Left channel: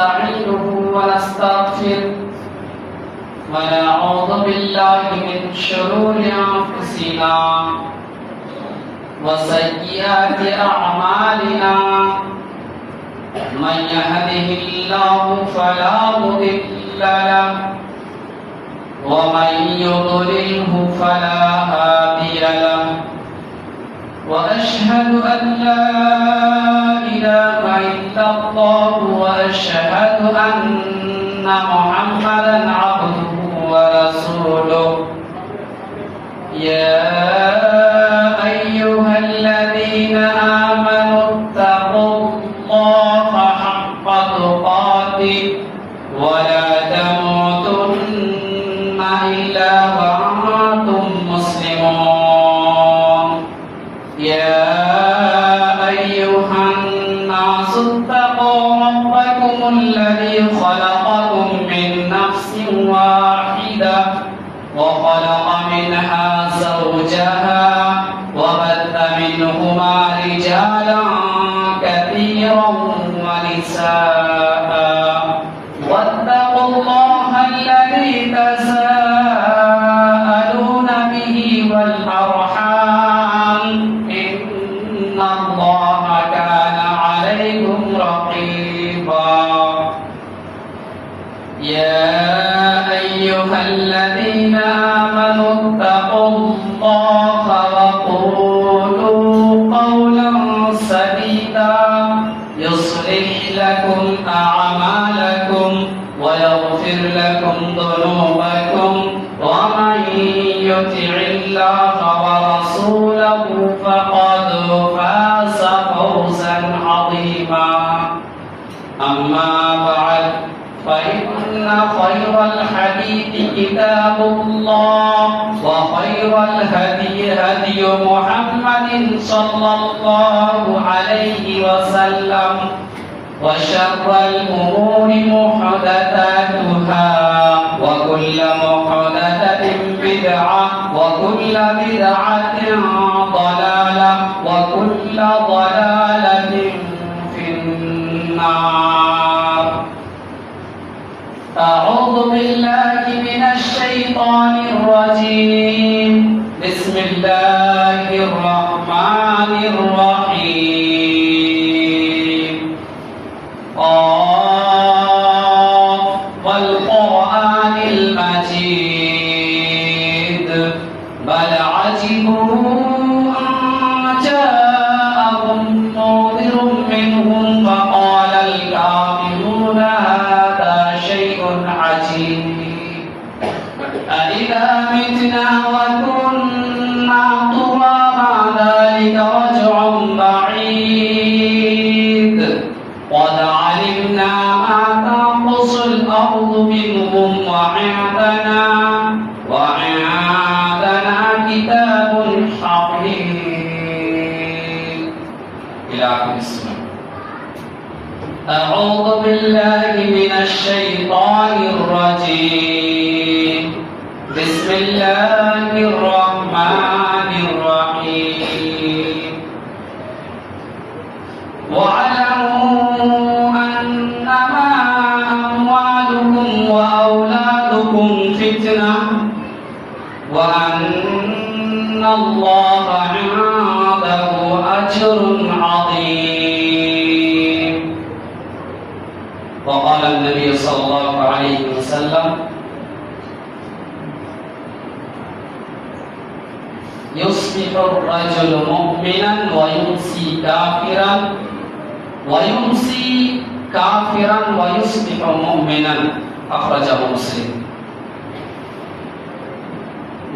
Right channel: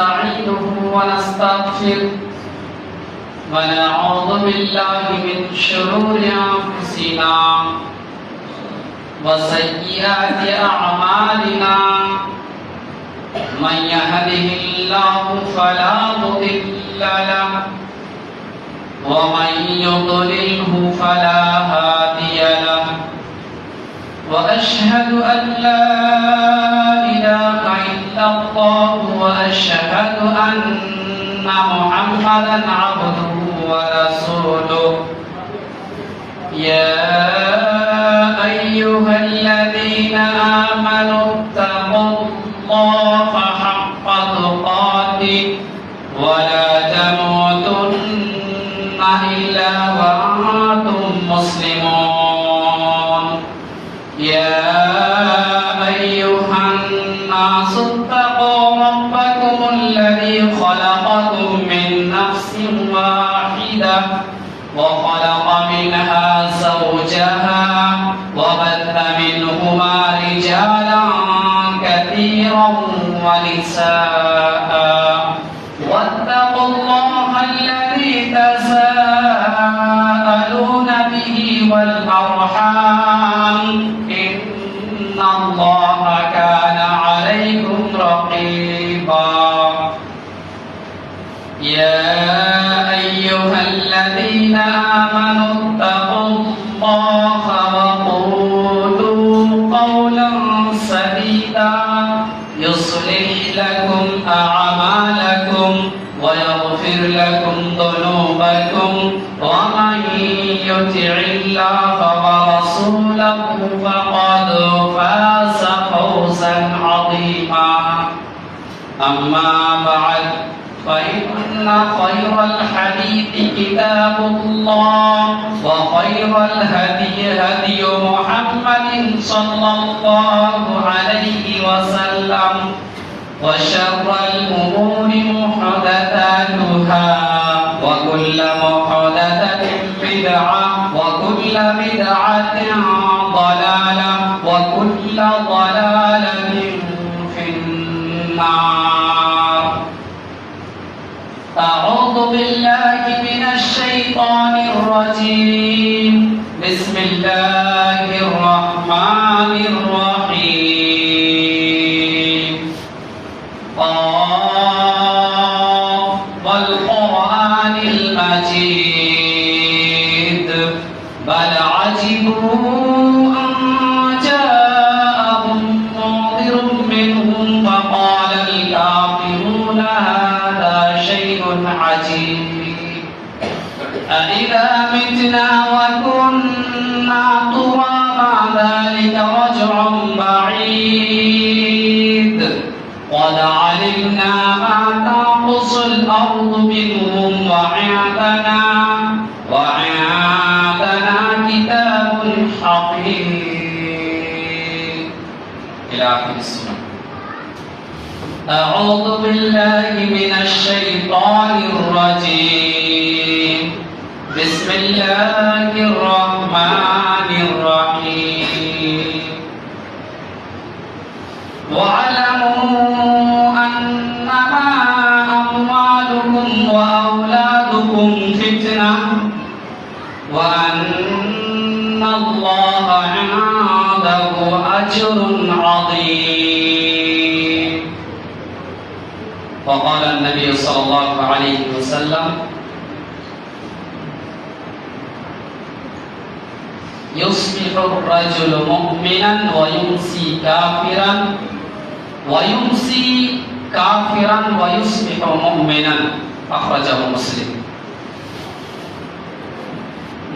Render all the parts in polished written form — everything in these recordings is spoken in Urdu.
ونستعينه ونستغفره ونعوذ بالله من شرور أنفسنا وسيئات أعمالنا من يهده الله فلا مضل له ومن يضلله فلا هادي له وأشهد أن لا إله إلا الله وأشهد أن محمدا عبده ورسوله يا أيها الذين آمنوا اتقوا الله حق تقاته ولا تموتن إلا وأنتم مسلمون يا أيها الناس اتقوا ربكم الذي خلقكم من نفس واحدة وخلق منها زوجها وبث منهما رجالا كثيرا ونساء واتقوا الله الذي تساءلون به والأرحام إن الله كان عليكم رقيبا يا أيها الذين آمنوا اتقوا الله وقولوا قولا سديدا يصلح لكم أعمالكم ويغفر لكم ذنوبكم ومن يطع الله ورسوله فقد فاز فوزا عظيما أما بعد فإن خير الحديث كتاب الله وخير الهدي هدي محمد صلى الله عليه وسلم وشر الأمور محدثاتها وكل محدثة بدعة وكل بدعة ضلالة وكل ضلالة في النار. أعوذ بالله من الشيطان الرجيم. بسم الله الرحمن الرحيم. قاف والقرآن المجيد بل عجبوا أن جاءهم منذر منهم فقال الكافرون هذا شيء عجيب أإذا متنا وكنا ترابا ذلك رجع بعيد قد علمنا ما تنقص الأرض منهم وعندنا كتاب حفيظ إلى آخر السورة. أعوذ بالله من الشيطان الرجيم. بسم الله الرحمن الرحيم. واعلموا أنما أموالكم وأولادكم فتنة وأن الله عنده أجر عظيم. وقال النبي صلى الله عليه وسلم يصبح الرجل مؤمنا ويمسي كافرا ويصبح مؤمنا أخرجه مسلم.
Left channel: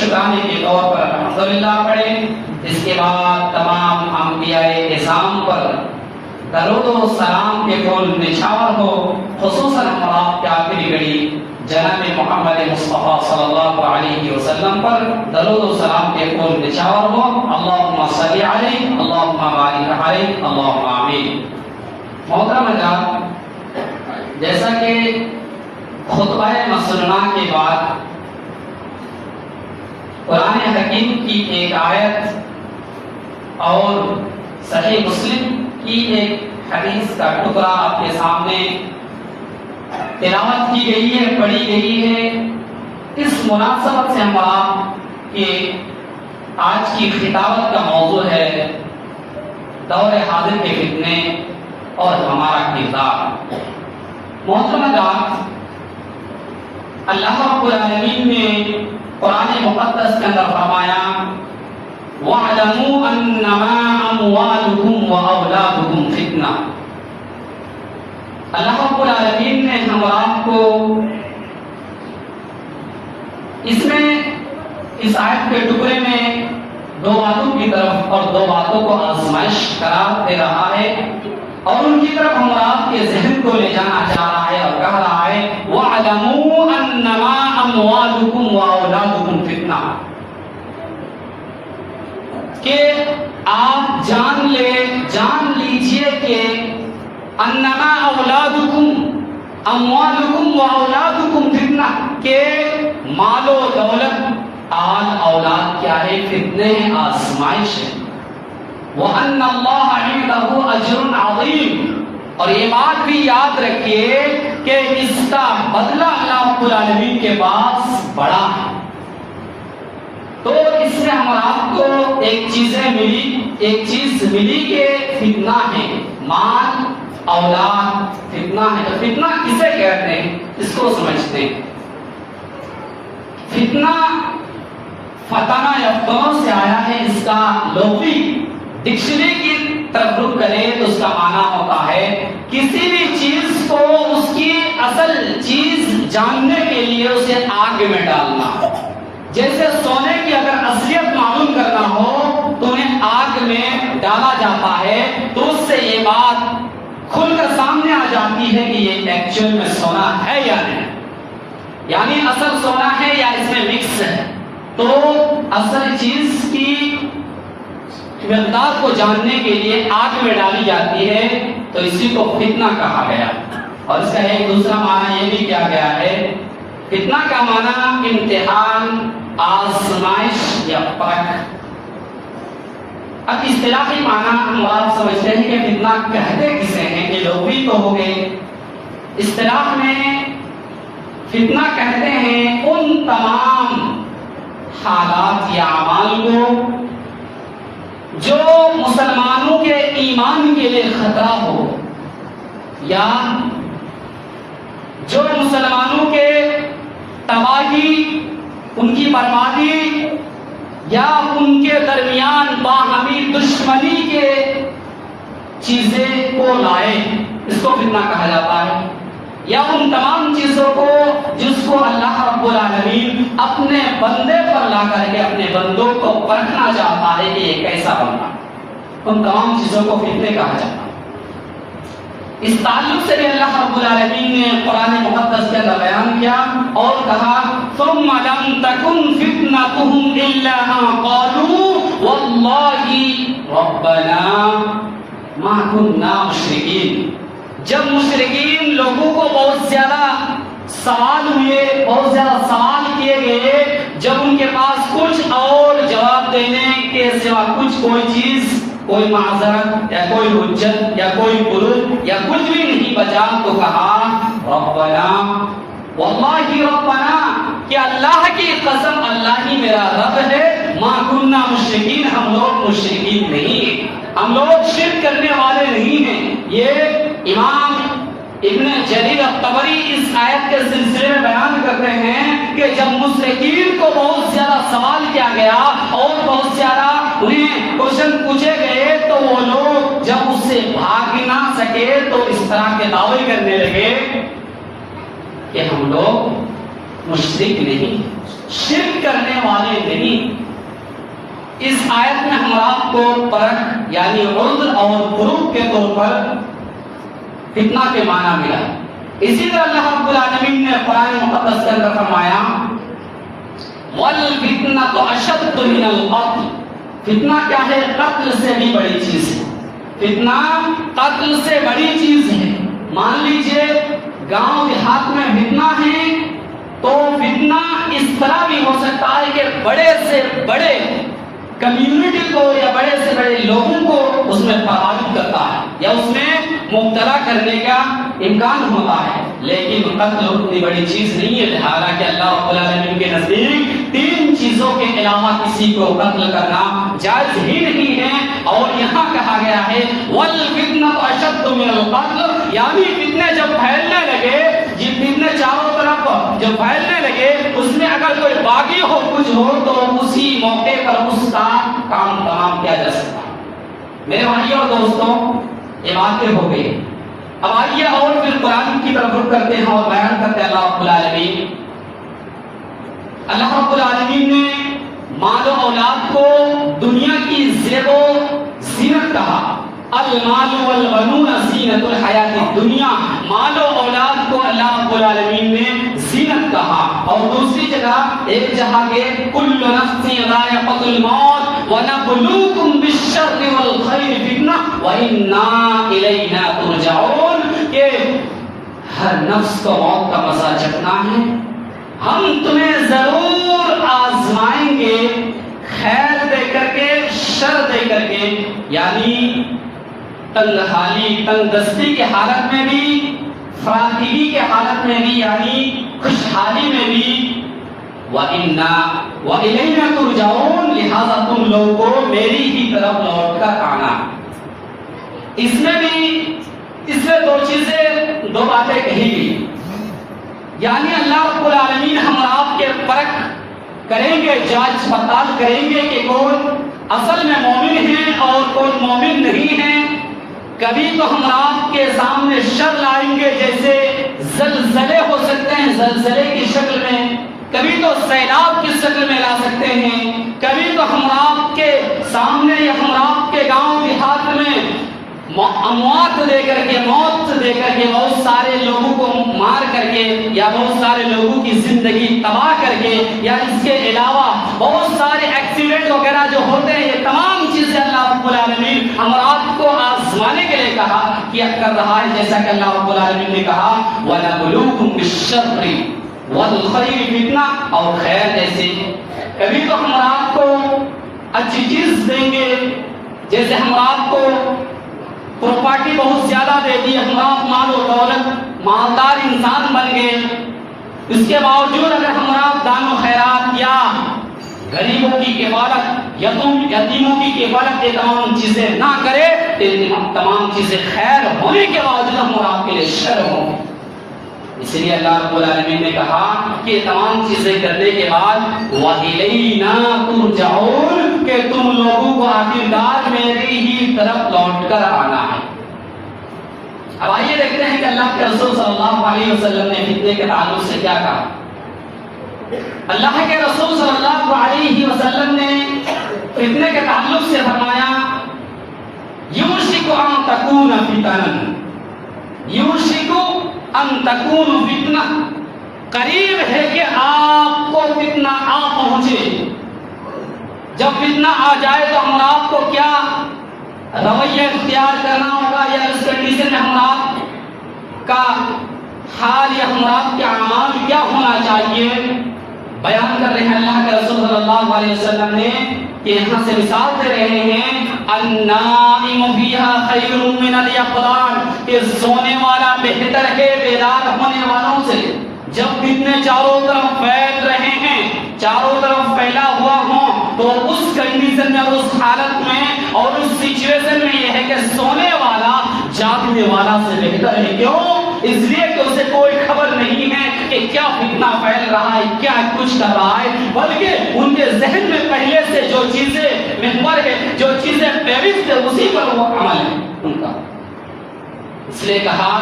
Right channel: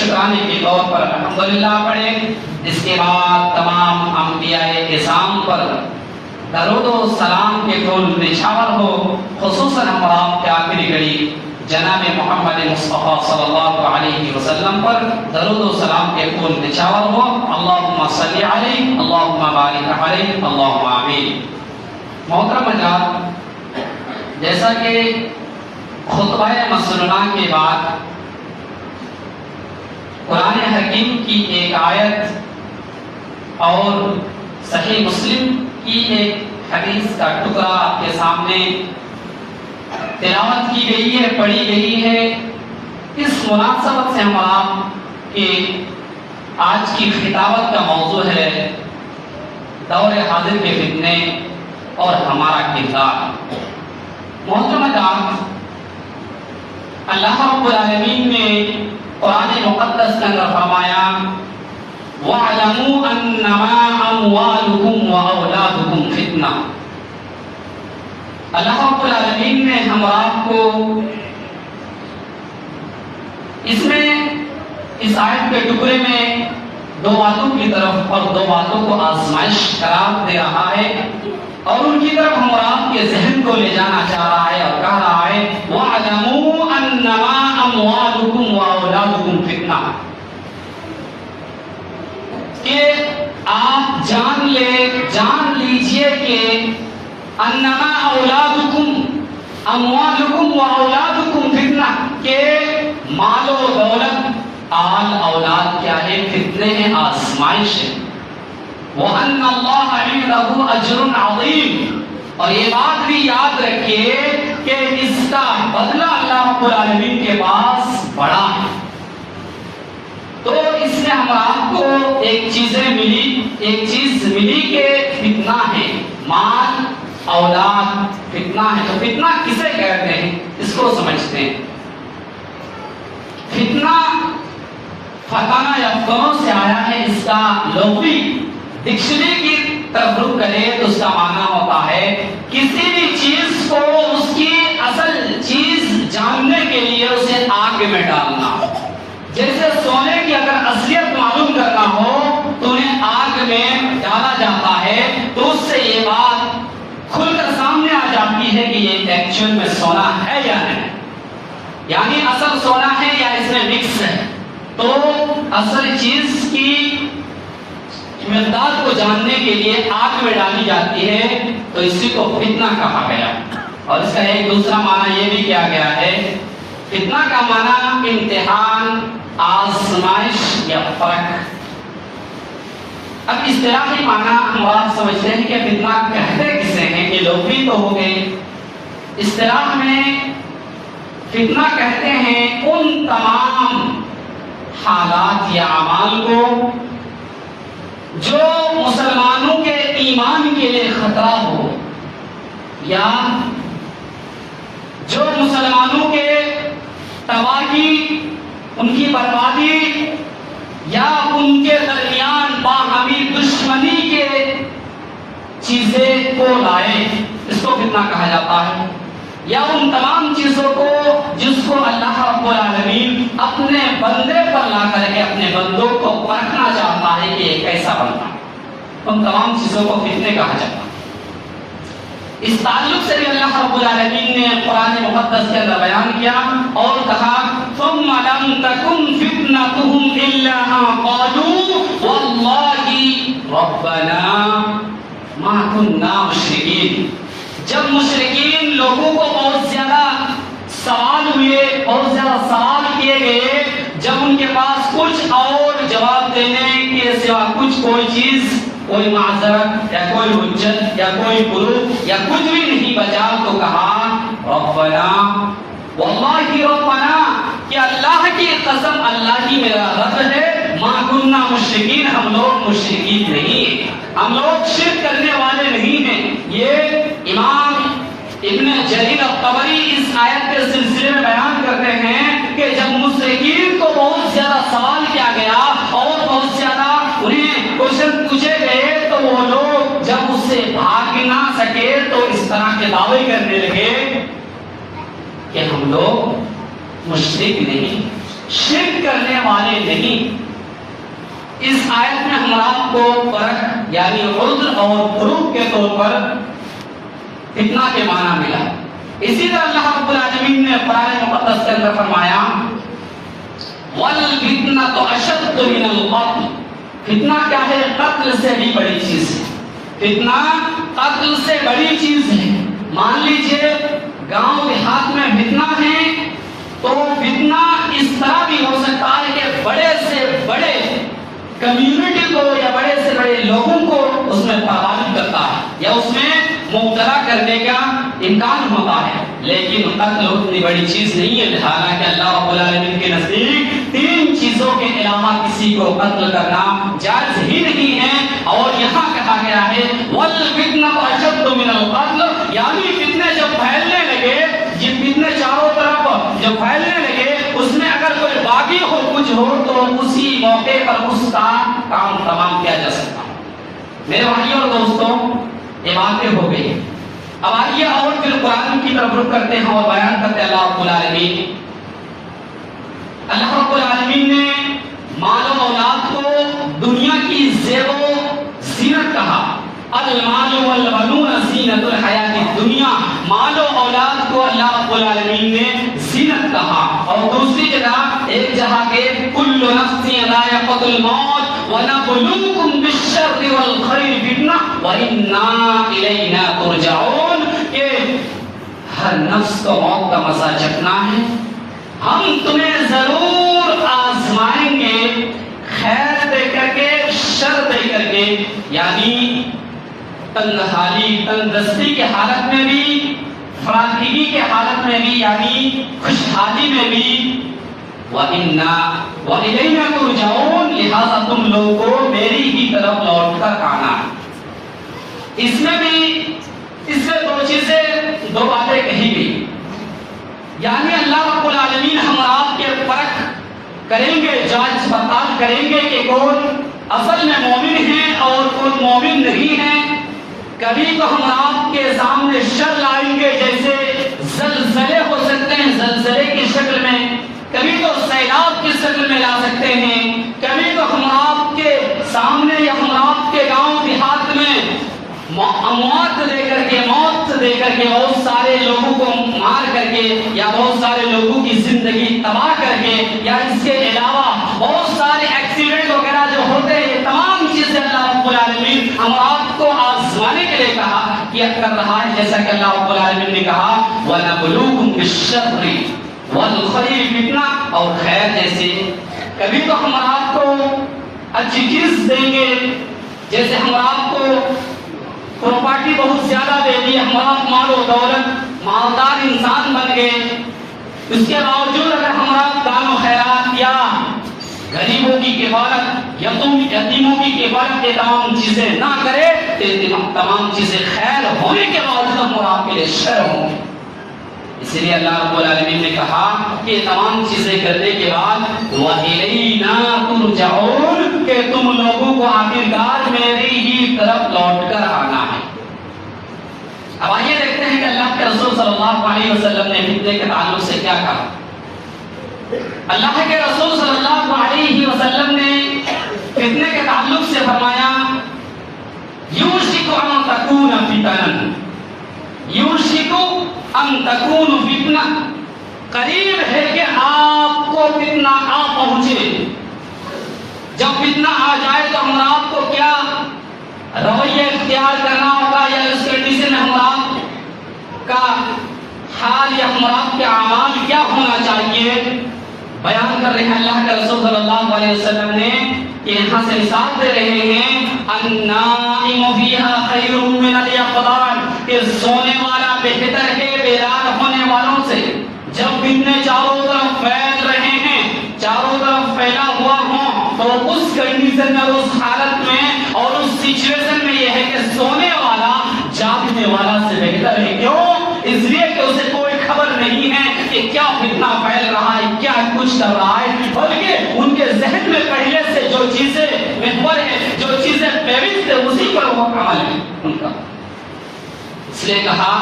شکرانے کے طور پر الحمدللہ پڑھیں. اس کے بعد تمام انبیاء اعظام پر درود و سلام کے پھول نچھاور ہو. خصوصاً ہمارا کے آخری گھڑی جناب محمد مصطفیٰ صلی اللہ علیہ وسلم پر درود و سلام کے پھول نچھاور ہو. اللہم صلی علیہ، اللہم بارک علیہ، اللہم آمین. محترم حضرات، جیسا کہ خطبہ مسنونہ کے بعد قرآن حکیم کی ایک آیت اور صحیح مسلم کی ایک حدیث کا ٹکڑا آپ کے سامنے تلاوت کی گئی ہے، پڑھی گئی ہے. اس مناسبت سے ہمارا کہ آج کی خطابت کا موضوع ہے دور حاضر کے فتنے اور ہمارا کردار. محترم حضرات، اللہ رب العالمین نے قرآن مقدس کے اندر فرمایا وَاعْلَمُوا أَنَّمَا أَمْوَالُكُمْ وَأَوْلَادُكُمْ فِتْنَةٌ. اللہ رب العالمین نے ہمارا کو اس میں اس آیت کے ٹکڑے میں دو باتوں کی طرف اور دو باتوں کو آزمائش قرار دے رہا ہے اور ان کی طرف ہمارا کے ذہن کو لے جانا چاہ رہا ہے اور کہہ رہا ہے وَاعْلَمُوا أَنَّمَا أَمْوَالُكُمْ وَأَوْلَادُكُمْ فِتْنَةٌ، کہ آپ جان لیجئے کہ انما اولادکم اموالکم و اولادکم فتنہ، کہ مال و دولت آل اولاد کیا ہے؟ فتنے ہیں، آزمائش ہے. وَأَنَّ اللَّهَ عِنْدَهُ أَجْرٌ عَظِيمٌ، اور یہ بات بھی یاد رکھیے کہ اس کا بدلہ اللہ رب العالمین کے پاس بڑا ہے. تو اس میں ہمارا کو ایک چیز ملی کہ فتنہ ہے، مال اولاد فتنہ ہے. تو فتنہ کسے کہتے ہیں اس کو سمجھتے ہیں. فتنہ فتنہ یفتنوں سے آیا ہے. اس کا لغوی ڈکشنری کی طرف رخ کرے تو اس کا معنی ہوتا ہے کسی بھی چیز کو اس کی اصل چیز جاننے کے لیے اسے آگ میں ڈالنا. جیسے سونے کی اگر اصلیت معلوم کرنا ہو تو انہیں آگ میں ڈالا جاتا ہے تو اس سے یہ بات کھل کر سامنے آ جاتی ہے کہ یہ ایکچوئل میں سونا ہے یا نہیں، یعنی اصل سونا ہے یا اس میں مکس ہے. تو اصل چیز کی مقدار کو جاننے کے لیے آگ میں ڈالی جاتی ہے تو اسی کو فتنہ کہا گیا. اور اس کا ایک دوسرا معنی یہ بھی کیا گیا ہے، فتنہ کا معنی امتحان، آزمائش یا فرق. اب اصطلاحی معنی ہم بات سمجھتے ہیں کہ فتنہ کہتے کسے ہیں، یہ لغوی تو ہو گئے. اصطلاح میں فتنہ کہتے ہیں ان تمام حالات یا اعمال کو جو مسلمانوں کے ایمان کے لیے خطرہ ہو یا جو مسلمانوں کے تباہی، ان کی بربادی یا ان کے درمیان باہمی دشمنی کے چیزیں کو لائے، اس کو فتنہ کہا جاتا ہے. یا ان تمام چیزوں کو جس کو اللہ رب العالمین اپنے بندے پر لا کر کے اپنے بندوں کو پرکھنا چاہتا ہے کہ یہ کیسا بنتا ہے، ان تمام چیزوں کو فتنے کہا جاتا ہے. اس تعلق سے بھی اللہ رب العالمین نے قرآن مقدس کے اندر بیان کیا اور کہا ثم لم تكن فتنتهم الا ان قالوا والله ربنا ما كنا مشرکین. جب مشرکین لوگوں کو بہت زیادہ سوال ہوئے، بہت زیادہ سوال کیے گئے، جب ان کے پاس کچھ اور جواب دینے کے سوا کچھ کوئی چیز، کوئی معذرت یا کوئی حجت یا کوئی پروف یا کچھ بھی نہیں بچا تو کہا ربنا، واللہ ربنا، کہ اللہ کی قسم اللہ ہی میرا رب ہے، ما کننا مشرکین، ہم لوگ مشرکین نہیں ہیں، ہم لوگ شرک کرنے والے نہیں ہیں. یہ امام ابن جریر الطبری اس آیت کے سلسلے میں بیان کرتے ہیں کہ جب مشرکین کو بہت زیادہ سوال کیا گیا اور بہت زیادہ انہیں کوشچن پوچھے گئے تو وہ لوگ جب اس سے بھاگ نہ سکے تو اس طرح کے دعوے کرنے لگے کہ ہم لوگ مشرک نہیں، شرک کرنے والے نہیں۔ اس آیت میں ہم آپ کو فرق یعنی عذر اور فروغ کے طور پر فتنہ کے معنی ملا۔ اسی طرح اللہ رب العالمین نے قرآن مقدس کے اندر فرمایا وَالْفِتْنَةُ أَشَدُّ مِنَ الْقَتْلِ، فتنہ کیا ہے؟ قتل سے بھی بڑی چیز ہے۔ فتنہ قتل سے بڑی چیز ہے۔ مان لیجئے گاؤں دیہات میں فتنہ ہے تو فتنہ اس طرح بھی ہو سکتا ہے کہ بڑے سے بڑے کمیونٹی کو یا بڑے سے بڑے لوگوں کو اس میں پابند کرتا ہے یا اس میں مبتلا کرنے کا امکان ہوتا ہے، لیکن قتل اتنی بڑی چیز نہیں ہے۔ حالانکہ اللہ رب العالمین کے نزدیک 3 چیزوں کے علاوہ کسی کو قتل کرنا جائز ہی نہیں ہے، اور یہاں کہا گیا ہے وَالْفِتْنَةُ أَشَدُّ مِنَ الْقَتْلِ، یعنی فتنے جب پھیلنے لگے، یہ فتنے چاروں طرف جب پھیلنے لگے، اس میں اگر کوئی باغی ہو کچھ ہو تو اسی موقع پر اس کا کام تمام کیا جا سکتا۔ میرے بھائیوں اور دوستوں، یہ واقع ہو گئی۔ اب آئیے اور پھر قرآن کی طرف رخ کرتے ہیں اور بیان کرتے ہیں اللہ رب العالمین۔ اللہ رب العالمین نے مال و اولاد کو دنیا کی زیب و زینت کہا۔ المال والبنون زینت الحیات الدنیا، مال و اولاد کو اللہ رب العالمین نے زینت کہا۔ اور دوسری جگہ ایک جگہ کے کل نفس ذائقۃ الموت وَنَبْلُوكُمْ بِالشَّرِّ وَالْخَيْرِ فِتْنَةً وَإِنَّا إِلَيْنَا تُرْجَعُونَ، کہ ہر نفس کو موت کا مزہ چکھنا ہے، ہم تمہیں ضرور آزمائیں گے، خیر دے کر کے شر دے کر کے، یعنی تنگ حالی تنگ دستی کے حالت میں بھی، فراخی کے حالت میں بھی، یعنی خوشحالی میں بھی، وَإِنَّا وَإِلَيْنَا تُرْجَعُونَ، لہذا تم لوگوں کو میری ہی طرف لوٹ کر آنا۔ اس میں بھی اس سے 2 چیزیں 2 باتیں کہی گئی، یعنی اللہ رب العالمین ہم آپ کے فرق کریں گے، جانچ پڑتال کریں گے کہ کون اصل میں مومن ہے اور کون مومن نہیں ہے۔ کبھی تو ہم آپ کے سامنے شر لائیں گے، جیسے زلزلے ہو سکتے ہیں زلزلے کی شکل میں، کبھی تو سیلاب کی شکل میں لا سکتے ہیں، کبھی تو ہم آپ کے سامنے یا ہم آپ کے گاؤں دیہات میں اموات دے کر کے، موت دے کر کے، بہت سارے لوگوں کو مار کر کے یا بہت سارے لوگوں کی زندگی تباہ کر کے، یا اس کے علاوہ بہت سارے ایکسیڈنٹ وغیرہ جو ہوتے ہیں، یہ تمام چیزیں اللہ رب العالمین ہم آپ کو آزمانے کے لیے کہا کیا کر رہا ہے، جیسا کہ اللہ رب العالمین نے کہا وَنَبْلُوكُمْ بِالشَّرِّ وَالْخَيْرِ فِتْنَةً، اور خیر جیسے کبھی تو ہم آپ کو اچھی چیز دیں گے، جیسے ہم آپ کو پراپرٹی بہت زیادہ دے دی، ہم آپ مال و دولت مالدار انسان بن گئے، اس کے باوجود اگر ہم آپ دان و خیرات یا غریبوں کی کفالت، یتیموں کی کفالت، یہ تمام چیزیں نہ کرے تو تمام چیزیں خیر ہونے کے باوجود ہم آپ کے لیے شر ہوں۔ اس لیے اللہ رب العالمین نے کہا کہ یہ تمام چیزیں کرنے کے بعد وَإِلَيْنَا تُرْجَعُونَ، کہ تم لوگوں کو آخرکار میری ہی طرف لوٹ کر آنا ہے۔ اب آئیے دیکھتے ہیں کہ اللہ کے رسول صلی اللہ علیہ وسلم نے فتنے کے تعلق سے کیا کہا۔ اللہ کے رسول صلی اللہ علیہ وسلم نے فتنے کے تعلق سے فرمایا یوشک ان تکون فتنہ، یوشک ان تکون فتنہ، قریب ہے کہ آپ کو فتنہ آ پہنچے۔ جب فتنہ آ جائے تو ہم آپ کو کیا رویہ اختیار کرنا ہوگا، یا اس کنڈیشن میں ہم آپ کا حال یا ہم آپ کے اعمال کیا ہونا چاہیے، بیان کر رہے ہیں اللہ کے رسول صلی اللہ علیہ وسلم نے، کہ یہاں سے مثال دے رہے ہیں النائم فیہا خیر من الیقظان، کہ سونے والا بہتر ہے بیدار ہونے والوں سے۔ جب فتنے چاروں طرف پھیل رہے ہیں، چاروں طرف پھیلا ہوا ہوں، تو اس کنڈیشن میں، اس حالت میں اور اس سچویشن میں یہ ہے کہ سونے والا جاگنے والا سے بہتر ہے۔ کیوں؟ اس لیے کہ اسے کوئی خبر نہیں ہے کہ کیا فتنہ پھیل رہا ہے، کیا کچھ کر رہا ہے، بلکہ ان کے ذہن میں پہلے سے جو چیزیں محور ہے، جو چیزیں فہرست ہے، اسی پر وہ عمل ہے ان کا۔ اس لیے کہا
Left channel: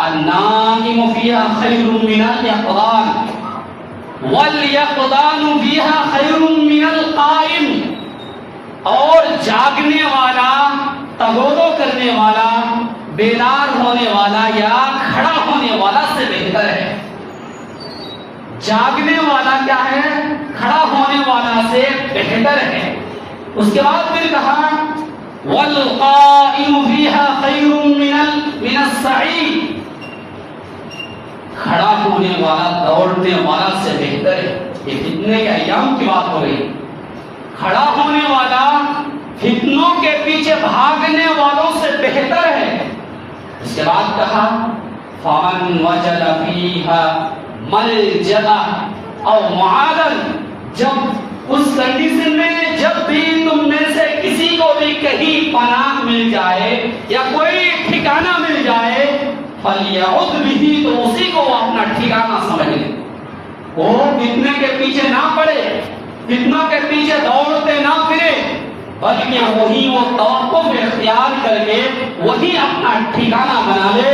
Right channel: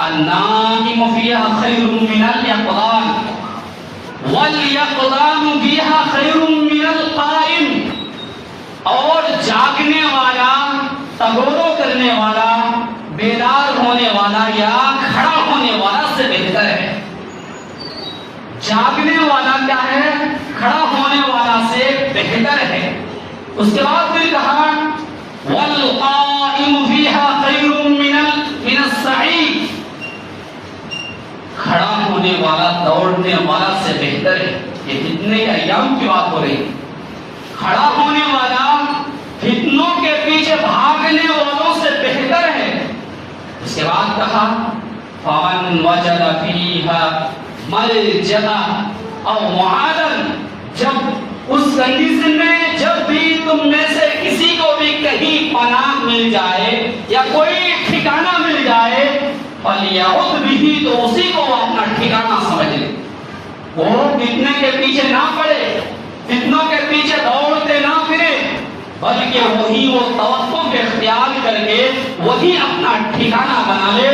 النائم فیہا خیر من الیقظان وَالْيَقْظَانُ فِيهَا خَيْرٌ مِّنَ الْقَائِمِ، اور جاگنے والا، تغور کرنے والا، بیدار ہونے والا یا کھڑا ہونے والا سے بہتر ہے۔ جاگنے والا کیا ہے؟ کھڑا ہونے والا سے بہتر ہے۔ اس کے بعد پھر کہا وَالْقَائِمُ فِيهَا خَيْرٌ مِّنَ السَّعِي، کھڑا ہونے والا دوڑنے والا سے بہتر ہے۔ یہ فتنے کے ایام کی بات ہو رہی ہے۔ کھڑا ہونے والا فتنوں کے پیچھے بھاگنے والوں سے بہتر ہے۔ اس کے بعد کہا فَمَنْ وَجَدَ فِيهَا مَلْجَأً أَوْ مُعَاذًا، جب اس کنڈیشن میں جب بھی تم میں سے کسی کو بھی کہیں پناہ مل جائے یا کوئی ٹھکانہ مل جائے فَلْيَعُذْ بِهِ، تو اسی کو اپنا ٹھکانہ سمجھ لے۔ وہ فتنے کے پیچھے نہ پڑے، فتنوں کے پیچھے دوڑتے نہ پھرے، بلکہ وہی وہ توقف اختیار کر کے وہی اپنا ٹھکانہ بنا لے۔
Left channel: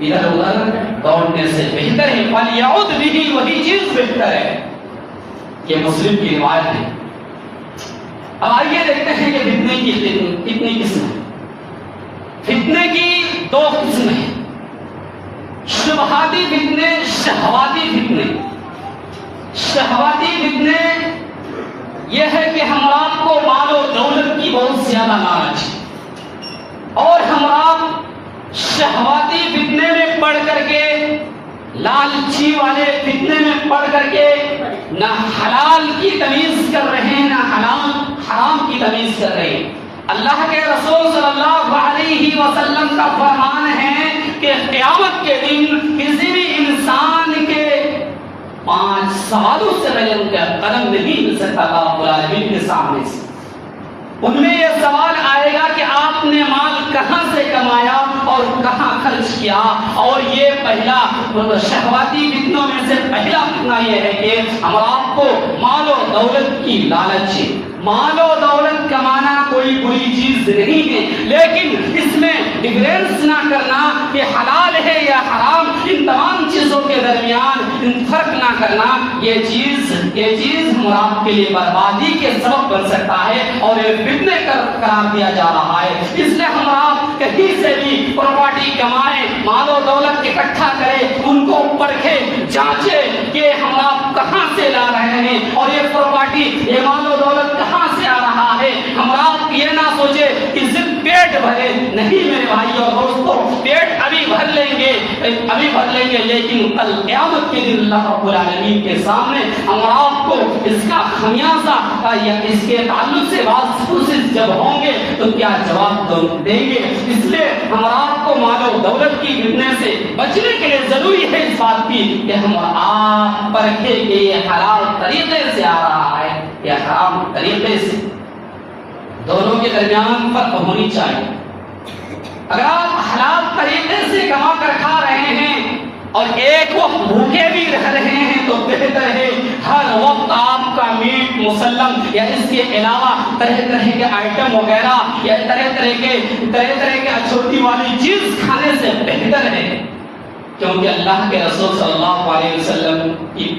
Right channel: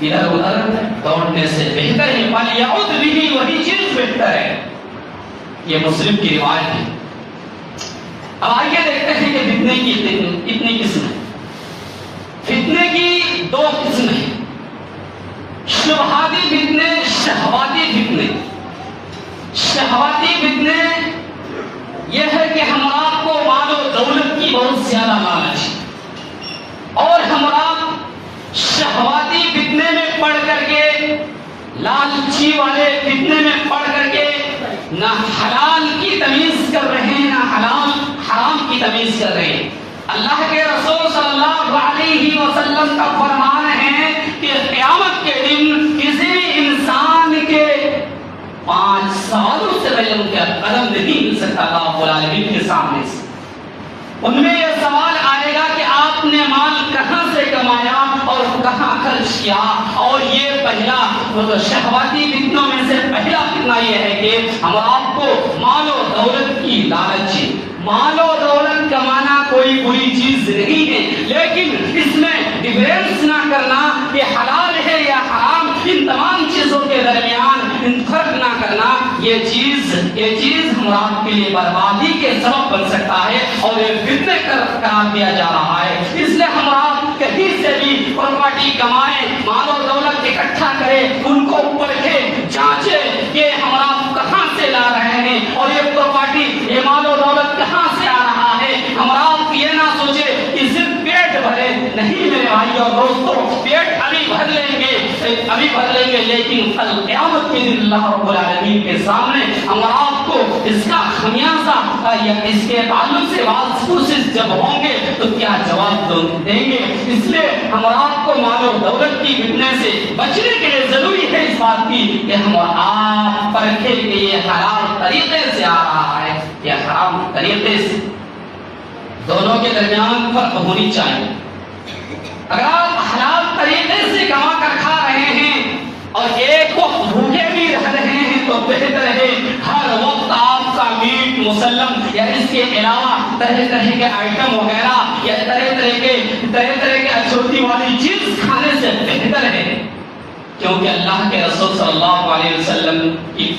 ادھر ادھر دوڑنے سے بہتر ہے فَلْيَعُذْ بِهِ، وہی چیز بہتر ہے۔ یہ مسلم کی روایت ہے۔ اب آئیے دیکھتے ہیں کہ فتنے کی کتنی قسم ہے۔ فتنے کی دو قسم ہیں، شبہاتی فتنے، شہواتی فتنے۔ شہواتی فتنے یہ ہے کہ ہم آپ کو مال و دولت کی بہت زیادہ لالچ ہے، اور ہم آپ شہواتی فتنے میں پڑ کر کے، لالچی والے فتنے میں پڑ کر کے نہ حلال کی تمیز کر رہے ہیں نہ حرام کی تمیز کر رہے ہیں۔ اللہ کے رسول صلی اللہ علیہ وسلم کا فرمان ہے کہ قیامت کے دن کسی بھی انسان کے 5 سوالوں سے پہلے ان کا قلم نہیں مل سکتا اللہ رب العالمین کے سامنے سے۔ ان میں یہ سوال آئے گا کہ آپ نے مال کہاں سے کمایا اور کہاں خرچ کیا، اور یہ پہلا شہواتی فتنوں میں سے پہلا فتنہ یہ ہے کہ ہم آپ کو مال و دولت کی لالچ ہے۔ مال و دولت کمانا کوئی بری چیز نہیں ہے، لیکن اس میں ڈفرینس نہ کرنا کہ حلال ہے یا حرام، ان تمام چیزوں کے درمیان فرق نہ کرنا، یہ چیز ہم آپ کے لیے بربادی کے سبب بن سکتا ہے، اور یہ فتنے قرار دیا جا رہا ہے۔ اس لیے ہم آپ کہیں سے بھی پراپرٹی کمائیں، مال و دولت اکٹھا کریں، ان کو پرکھیں، جانچیں کہ ہم آپ کہاں سے لا رہے ہیں، اور یہ پراپرٹی، یہ مال و دولت کہاں سے آ رہا ہے۔ ہم آپ یہ نہ سوچے کہ صرف پیٹ بھرے، نہیں میرے بھائی اور دوستوں، پیٹ ابھی بھر لیں گے، لیکن کل قیامت کے دن اللہ رب العالمین کے سامنے ہم آپ کو اس کا خمیازہ یا اس کے تعلق سے بات پرسش جب ہوں گے تو کیا جواب دیں گے۔ اس لیے ہم آپ کو مال و دولت کی فتنے سے بچنے کے لیے ضروری ہے اس بات کی کہ ہم آپ پرکھیں کہ یہ حلال طریقے سے آ رہا ہے یا حرام طریقے سے۔ دونوں کے درمیان فرق ہونی چاہیے۔ اگر آپ حلال طریقے سے کما کر کھا رہے ہیں اور ایک وقت بھوکے بھی رہ رہے ہیں تو بہتر ہے ہر وقت آپ کا میٹ مسلم یا اس کے علاوہ طرح طرح کے آئٹم وغیرہ یا طرح طرح کے اچھوتی والی چیز کھانے سے بہتر ہے، کیونکہ اللہ کے رسول صلی اللہ علیہ وسلم کی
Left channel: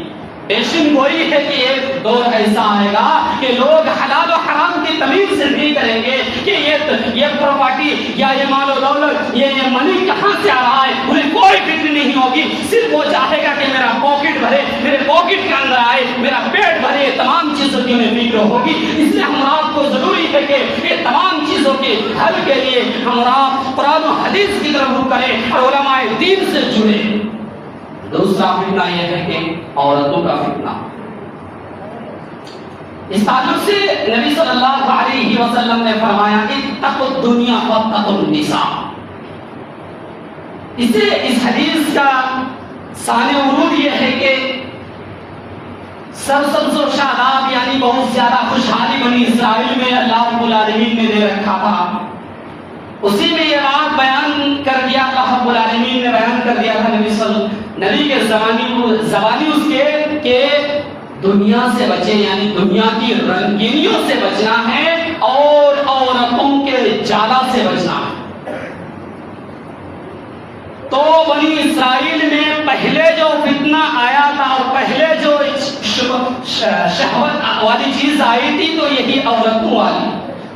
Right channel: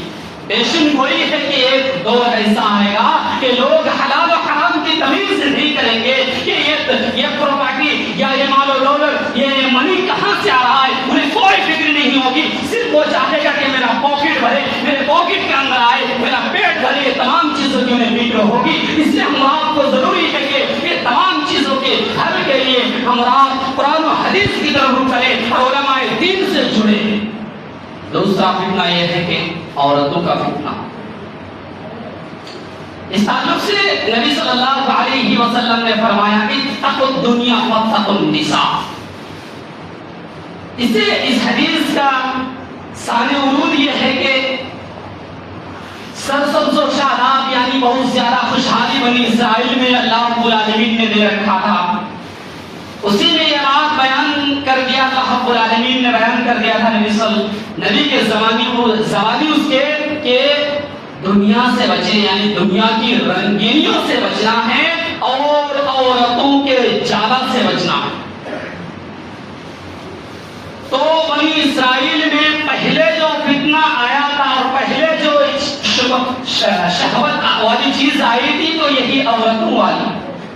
پیشن گوئی ہے کہ ایک دور ایسا آئے گا کہ لوگ حلال و حرام کی تمیز سے نہیں کریں گے کہ یہ پراپرٹی یا یہ مال و دولت، یہ منی کہاں سے آ رہا ہے، انہیں کوئی فکر نہیں ہوگی۔ صرف وہ چاہے گا کہ میرا پاکٹ بھرے، میرے پاکٹ کے اندر آئے، میرا پیٹ بھرے، تمام چیزوں کی انہیں فکر ہوگی۔ اس لیے ہم آپ کو ضروری ہے کہ یہ تمام چیزوں کے حل کے لیے ہم آپ قرآن و حدیث کی طرف رخ کریں اور علماء دین سے جڑیں۔ دوسرا فتنہ یہ ہے کہ عورتوں کا فتنہ۔ اس تعلق سے نبی صلی اللہ علیہ وسلم نے فرمایا اتقوا الدنیا واتقوا النساء۔ اس حدیث کا ثانی ورود یہ ہے کہ سرسبز و شاداب یعنی بہت زیادہ خوشحالی بنی اسرائیل میں اللہ رب العالمین نے دے رکھا تھا، اسی میں یہ بات بیان کر دیا تھا، رب العالمین نے بیان کر دیا تھا نبی کے زمانی اس کے کہ دنیا سے بچے، یعنی دنیا کی رنگینیوں سے بچنا ہے اور عورتوں کے جادہ سے بچنا ہے۔ تو بنی اسرائیل میں پہلے جو فتنہ آیا تھا اور پہلے جو شہوت والی چیز آئی تھی تو یہی عورتوں والی،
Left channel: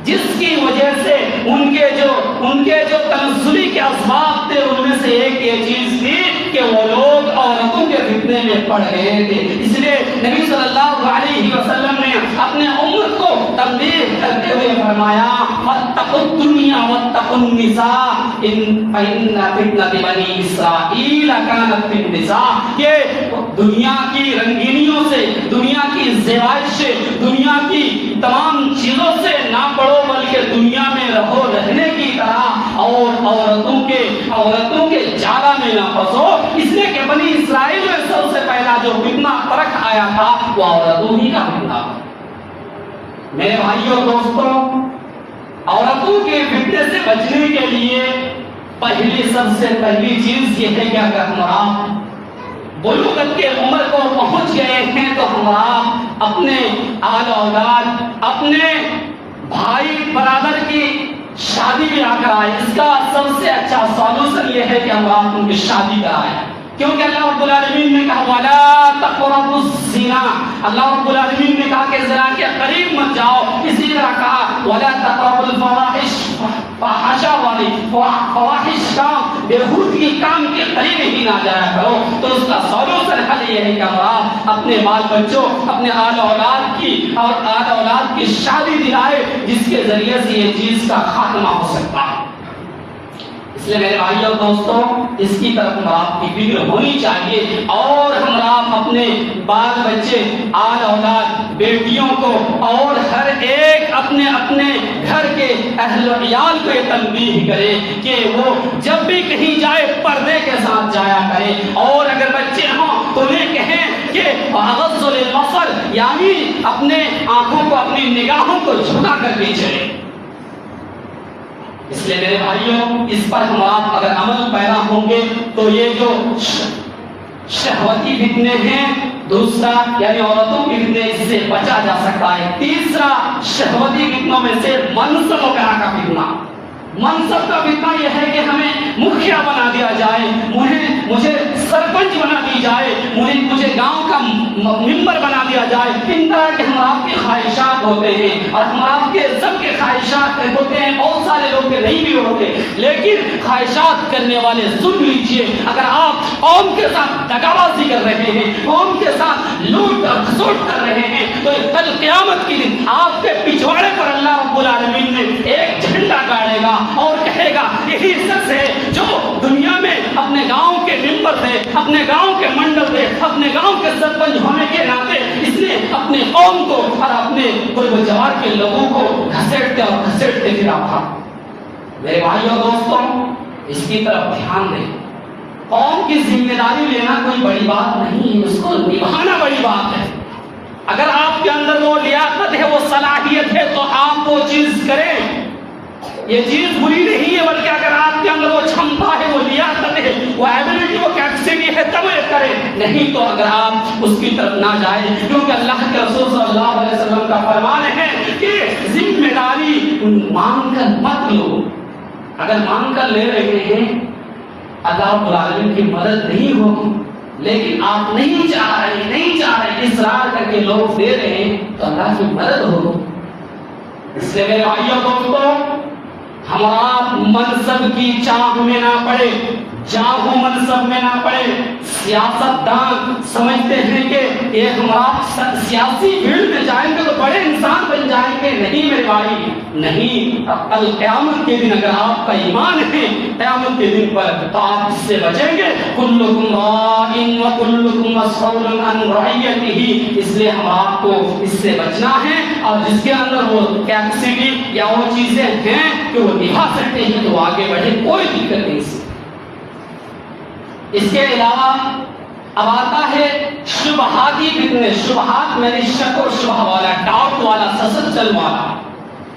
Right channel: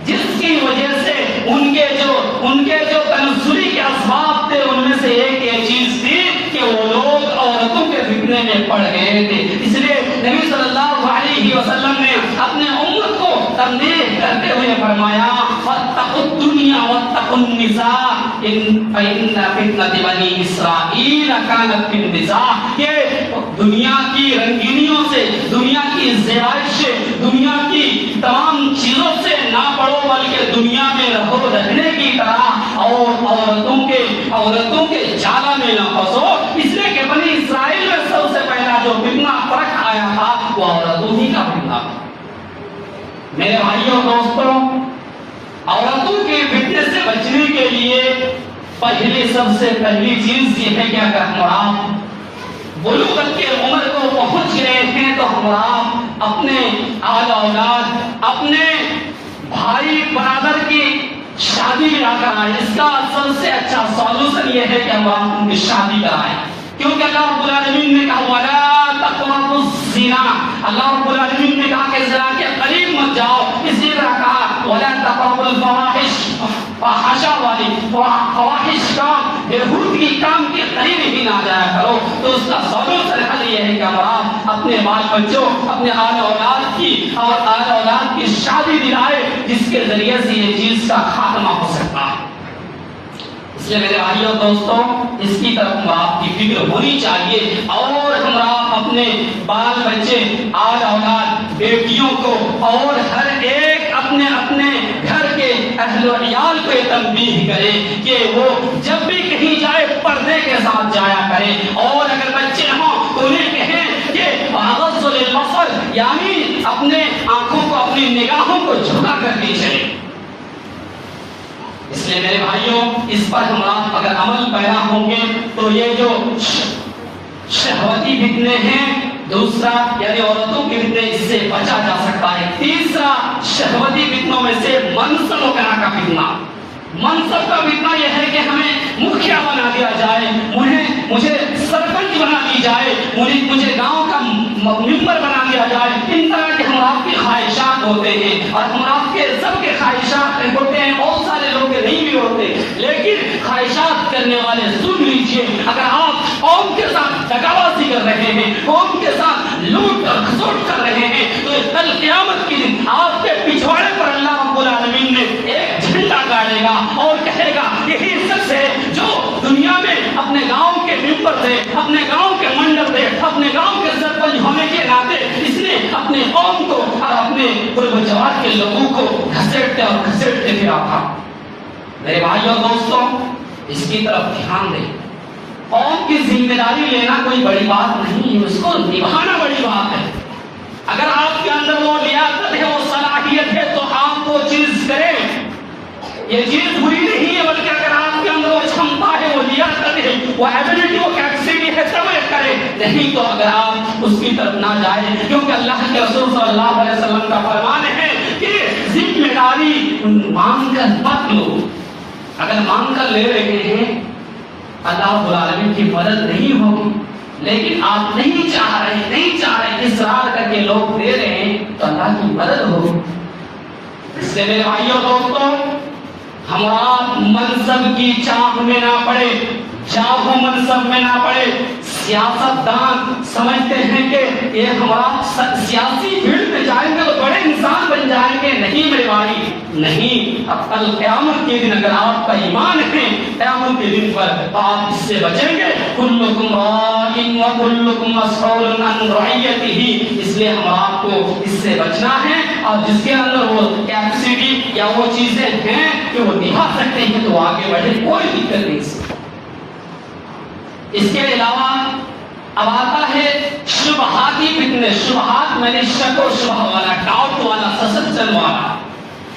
جس کی وجہ سے ان کے جو تنزلی کے اسباب تھے ان میں سے ایک یہ چیز تھی کہ وہ لوگ عورتوں کے فتنے میں پڑ گئے تھے۔ اس لیے نبی صلی اللہ علیہ وسلم نے اپنے امت کو تنبیہ کرتے ہوئے فرمایا واتقوا الدنیا واتقوا النساء فإن فتنة بنی اسرائیل كانت في النساء۔ یہ دنیا کی رنگینیوں سے، دنیا کی زیبائش سے، دنیا کی تمام چیزوں سے نہ پڑھو بلکہ دنیا میں رہو رہنے کی طرح، اور عورتوں کے جالہ میں نہ پھنسو۔ اس لیے کہ بنی اسرائیل میں سب سے پہلا جو فتنہ فرق آیا تھا وہ عورتوں ہی کا فتنہ تھا۔ میرے بھائیوں دوستوں، عورتوں کے فتنے سے بچنے کے لیے سب سے پہلی چیز یہ ہے کہ اگر ہم بلوغت کے عمر کو پہنچ گئے ہیں تو ہم اپنے آل اولاد، اپنے بھائی برادر کی شادی بھی نہ کرائیں۔ اس کا سب سے اچھا سولوشن یہ ہے کہ ہم ان کی شادی کرائیں، کیونکہ اللہ رب العالمین نے کہا وَلَا تَقْرَبُوا الزِّنَا، اللہ رب العالمین نے کہا کہ زنا کے قریب مت جاؤ۔ اسی طرح کہا وَلَا تَقْرَبُوا الْفَوَاحِشَ، فحاشا والی فواحش کام، بےہودگی کام کے قریب ہی نہ جایا کرو۔ تو اس کا سولوشن حل یہ ہے کہ ہم اپنے بال بچوں، اپنے آل اولاد کی اور آل اولاد کی شادی دلائے، جس کے ذریعے سے یہ چیز کا خاتمہ ہو سکتا ہے۔ اس لیے میرے بھائیوں دوستوں، اس کی طرف ہم آپ کی فکر ہونی چاہیے، اور ہم آپ اپنے بال بچے، آل اولاد، بیٹیوں کو اور ہر ایک اپنے گھر کے اہل و عیال کو تنبیہ کرے کہ وہ جب بھی کہیں جائے پردے کے ساتھ جایا کرے، اور اگر بچے ہوں تو انہیں کہیں کہ بغض البصر، یعنی اپنے آنکھوں کو، اپنی نگاہوں کو جھکا کر کے چلے۔ اس لیے میرے بھائیوں، اس پر ہم آپ اگر عمل پیدا ہوں گے تو یہ جو شہوتی فتنے ہیں، دوسرا یعنی عورتوں کے فتنے، اس سے بچا جا سکتا ہے۔ تیسرا شہوتی فتنوں میں سے منصب وغیرہ کا فتنہ۔ منصب کا فتنہ یہ ہے کہ ہمیں مکھیا بنا دیا جائے، مجھے سرپنچ بنا دی جائے، مجھے گاؤں کا ممبر بنا دیا جائے۔ ان طرح کے ہم آپ کے خواہشات ہوتے ہیں، اور ہم آپ کے سب کے خواہشات ہوتے ہیں، بہت سارے لوگ کے نہیں بھی ہوتے، لیکن خواہشات کرنے والے سن لیجیے، اگر آپ قوم کے ساتھ دغابازی کر رہے ہیں، قوم کے ساتھ لوٹ اور کھسوٹ کر رہے ہیں، تو کل قیامت کے دن آپ کے پچھواڑے پر اللہ رب العالمین نے ایک جھنڈا گاڑے گا اور کہے گا یہی شخص ہے جو دنیا میں اپنے گاؤں کے ممبر تھے، اپنے گاؤں کے منڈل تھے، اپنے گاؤں کے سرپنچ ہونے کے ناطے اس نے اپنے قوم کو اور اپنے جوار کے لوگوں کو گھسیٹتے پھرا تھا۔ میرے بھائیوں دوستوں، اس کی طرف دھیان دیں۔ قوم کی ذمہ داری لینا کوئی بڑی بات نہیں ہے، اس کو نبھانا بڑی بات ہے۔ اگر آپ کے اندر وہ لیاقت ہے، وہ صلاحیت ہے، تو آپ وہ چیز کریں۔ یہ چیز ہوئی نہیں ہے، بلکہ اگر آپ کے اندر وہ چھمتا ہے، وہ لیاقت ہے، وہ ایبلٹی، وہ کیپیسٹی ہے، تب یہ کریں۔ نہیں تو اگر آپ اس کی طرف نہ جائیں، کیونکہ اللہ کے رسول صلی اللہ علیہ وسلم کا فرمان ہے کہ ذمہ داری مانگ کر مت لو۔ اگر مانگ کر لے رہے ہیں اللہ رب العالمین کی مدد نہیں ہوگی، لیکن آپ نہیں چاہ رہے، اصرار کر کے لوگ دے رہے ہیں تو اللہ کی مدد ہوگی۔ اس سے میرے بھائیوں دوستوں، ہمارا منصب کی چاہ میں نہ پڑے، چاہ منصب میں نہ پڑے۔ سیاست دان سمجھتے ہیں کہ یہ ہمارا سیاسی فیلڈ میں جائیں گے تو بڑے انسان بن جائیں گے۔ نہیں میرے بھائی، نہیں۔ اب کل قیامت کے دن اگر آپ کا ایمان ہے قیامت کے دن پر، تو آپ اس سے بچیں گے۔ کلکم راع وکلکم مسئول عن رعیتہ، اس لیے ہم آپ کو اس سے بچنا ہے، اور جس کے اندر وہ کیپیسٹی یا وہ چیزیں ہیں کہ وہ نبھا سکتے ہیں تو آگے بڑھے، کوئی دقت نہیں۔ اس کے علاوہ اب آتا ہے شبہاتی فتنے۔ شبہات میں نے شک و شبہ والا، ڈاؤٹ والا، سسپشن والا،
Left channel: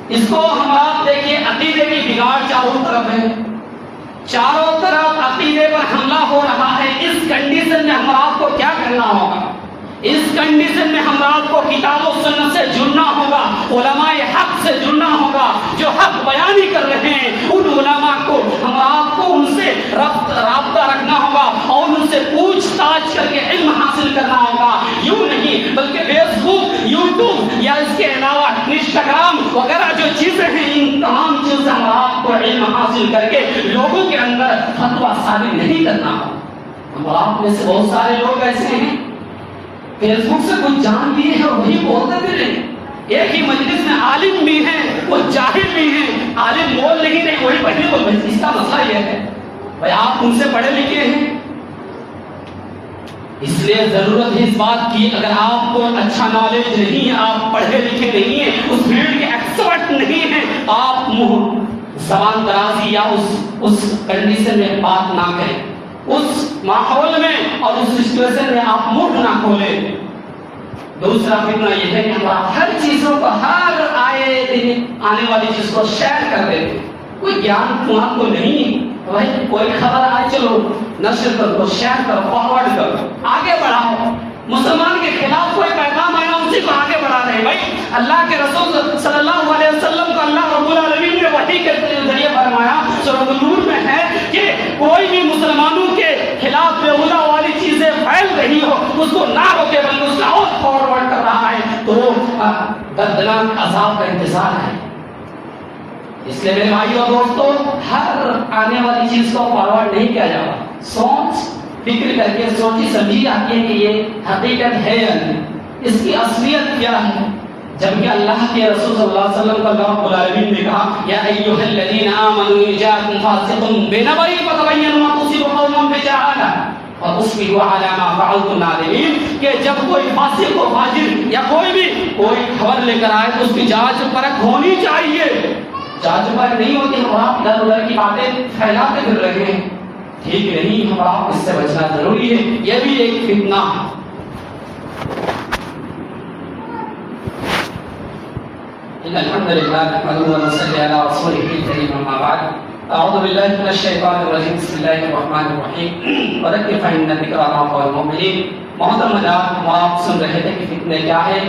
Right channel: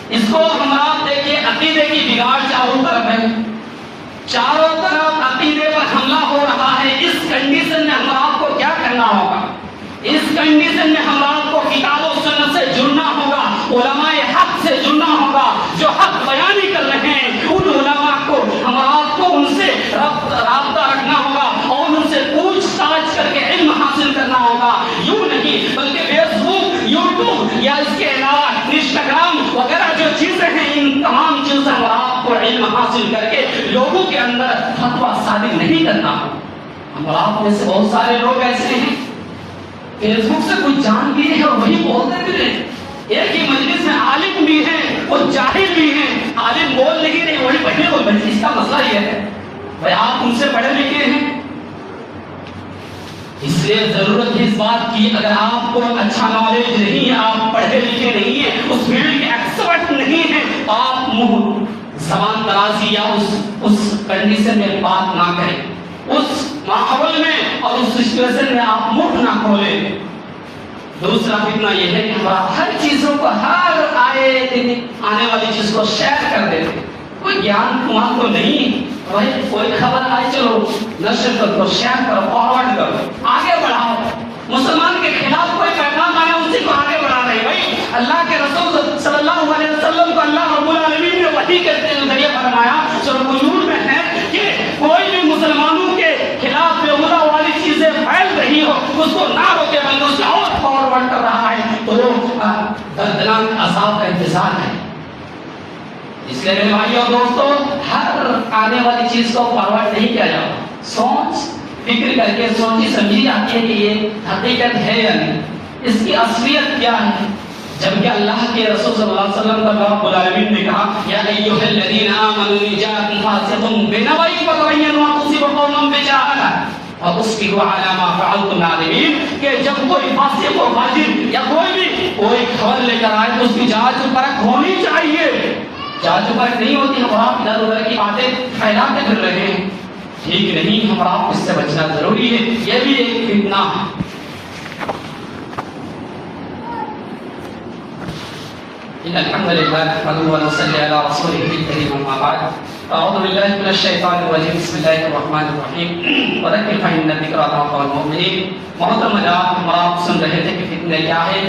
اس کو ہم آپ دیکھیں عقیدے کی بگاڑ چاروں طرف ہے، چاروں طرف عقیدے پر حملہ ہو رہا ہے۔ اس کنڈیشن میں ہم آپ کو کیا کرنا ہوگا؟ اس کنڈیشن میں ہم آپ کو کتاب و سنت سے جڑنا ہوگا، علماء حق سے جڑنا ہوگا، جو حق بیانی کر رہے ہیں ان علماء کو ہم آپ کو ان سے رابطہ رکھنا ہوگا، اور ان سے پوچھ تاچھ کر کے علم حاصل کرنا ہوگا۔ یوں نہیں بلکہ فیس بک یا اس کے علاوہ انسٹاگرام وغیرہ جو چیزیں ہیں، ان تمام چیزوں پر آپ کو علم حاصل کر کے لوگوں کے اندر فتویٰ صادر نہیں کرنا ہو. اور آپ میں سے بہت سارے لوگ ایسے ہیں فیس بک سے کچھ جان بھی ہے اور وہی بولتے بھی رہے. ایک ہی مجلس میں عالم بھی ہے، وہ جاہل بھی ہے. عالم بول نہیں رہے، وہی پڑھنے کو بولتے. اس کا مسئلہ یہ ہے بھائی آپ ان سے پڑھے لکھے ہیں، اس لیے ضرورت ہے اس بات کی اگر آپ کو اچھا نالج نہیں ہے، آپ پڑھے لکھے نہیں ہیں، اس فیلڈ کے ایکسپرٹ نہیں ہیں، آپ منہ زبان درازی یا اس کنڈیشن میں بات نہ کریں، اس ماحول میں اور اس سچویشن میں آپ منہ نہ کھولیں. دوسرا فتنہ یہ ہے کہ ہم ہر چیزوں کو، ہر آنے والی چیز کو شیئر کر دیتے ہیں. کوئی گیان تمہارے کو نہیں، بھائی کوئی خبر آئے چلو نشر کرو، شیئر کرو، فارورڈ کرو، آگے بڑھاؤ. مسلمان کے خلاف کوئی پیغام آیا اسی کو آگے بڑھا رہے ہیں. بھائی اللہ کے رسول صلی اللہ علیہ وسلم کو اللہ رب العالمین نے وحی کے ذریعے فرمایا سورۃ النور میں ہے کہ کوئی بھی مسلمانوں کے خلاف بیہودہ والی چیزیں پھیل رہی ہو اس کو نہ روکے بلکہ اس کا اور فارورڈ کر رہا ہے تو دردناک عذاب کا انتظار ہے. اس لیے میرے بھائیو اور دوستو، ہر آنے والی چیز کو فارورڈ نہیں کیا جاتا. سوچ فکر کر کے سوچی سمجھی جاتی ہے کہ یہ حقیقت ہے یا نہیں، اس کی اصلیت کیا ہے. جبکہ اللہ کے رسول صلی اللہ علیہ وسلم کا رب العالمین نے کہا یا ایھا الذین آمنوا ان جاءکم فاسق بنبأ فتبینوا ان تصیبوا قوما بجہالہ فتصبحوا علی ما فعلتم نادمین، کہ جب کوئی فاسق و فاجر یا کوئی خبر لے کر آئے تو اس کی جانچ پرکھ ہونی چاہیے. جانچ پرکھ نہیں ہوتی اور آپ ادھر ادھر کی باتیں پھیلاتے پھر رہے ہیں، ٹھیک نہیں. ہم آپ اس سے بچنا ضروری ہے. یہ بھی ایک فتنہ ہے. الحمد للہ نحمده ونصلي على رسوله الكريم اما بعد اعوذ باللہ من الشیطان الرجیم بسم اللہ الرحمن الرحیم وذکر فإن الذکریٰ تنفع المؤمنین. محترم حضرات، ہم آپ سن رہے تھے کہ فتنے کیا ہے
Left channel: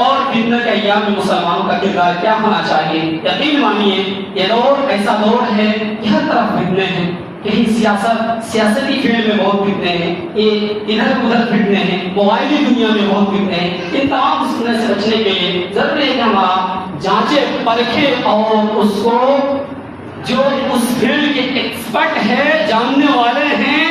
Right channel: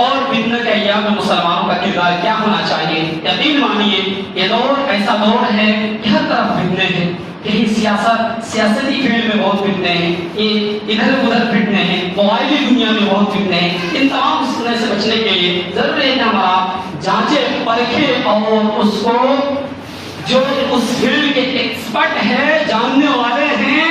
اور فتنہ کے ایام میں مسلمانوں کا کردار کیا ہونا چاہیے. یقین مانیے یہ دور ایسا دور ہے کہ ہر طرف فتنے ہیں. کہیں سیاسی فیلڈ میں بہت فتنے ہیں، یہ ادھر ادھر فتنے ہیں، موبائلی دنیا میں بہت فتنے ہیں. ان تمام فتنے سے بچنے کے لیے ضروری ہے کہ ہمارا جانچیں پرکھیں اور اس کو جو اس فیلڈ کے ایکسپرٹ ہے، جاننے والے ہیں،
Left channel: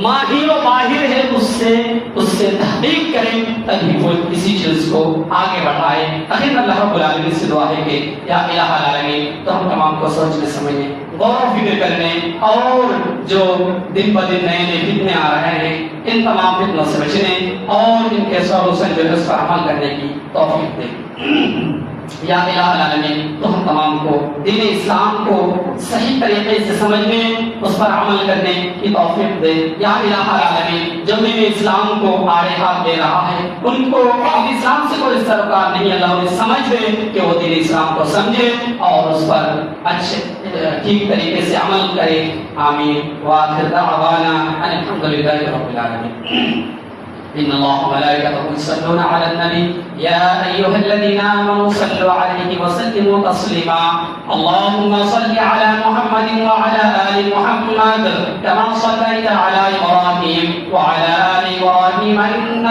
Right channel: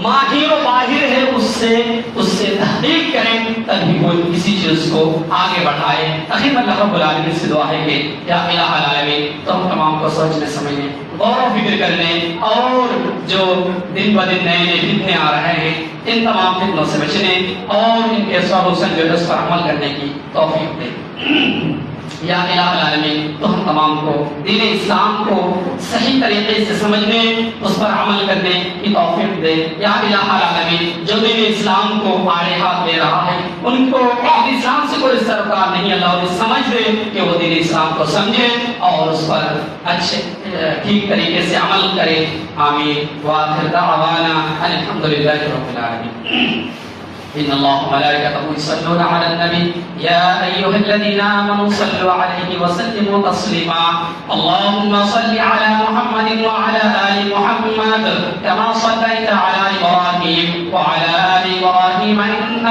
ماہر و ماہر ہے، اس سے تحقیق کریں تاکہ کوئی کسی چیز کو آگے بڑھائے. تاکہ اللہ رب العالمین سے دعا ہے کہ یا الہ العالمین تو ہم تمام کو سوچنے سمجھنے، غور و فکر کرنے اور جو دن بدن نئے نئے فتنے آ رہے ہیں ان تمام فتنوں سے بچنے اور ان کے سولوشن جو ہے اس پر عمل کرنے کی توفیق دے. یا الہ العالمین تو ہم تمام کو دین اسلام کو صحیح طریقے سے سمجھنے، اس پر عمل کرنے کی توفیق دے. یا الہ العالمین جو دین اسلام کو آڑے ہاتھ دے رہا ہے ان کو دین اسلام سے کوئی سروکار نہیں، اللہ انہیں سمجھ دے کہ وہ دین اسلام کو سمجھے اور اس پر اچھے ٹھیک طریقے سے عمل کرے. آمین. وآخر دعوانا ان الحمدللہ رب العالمین. إن الله وملائكته يصلون على النبي يا أيها الذين آمنوا صلوا عليه وسلموا تسليما. اللهم صل على محمد وعلى آل محمد كما صليت على إبراهيم وعلى آل إبراهيم إنك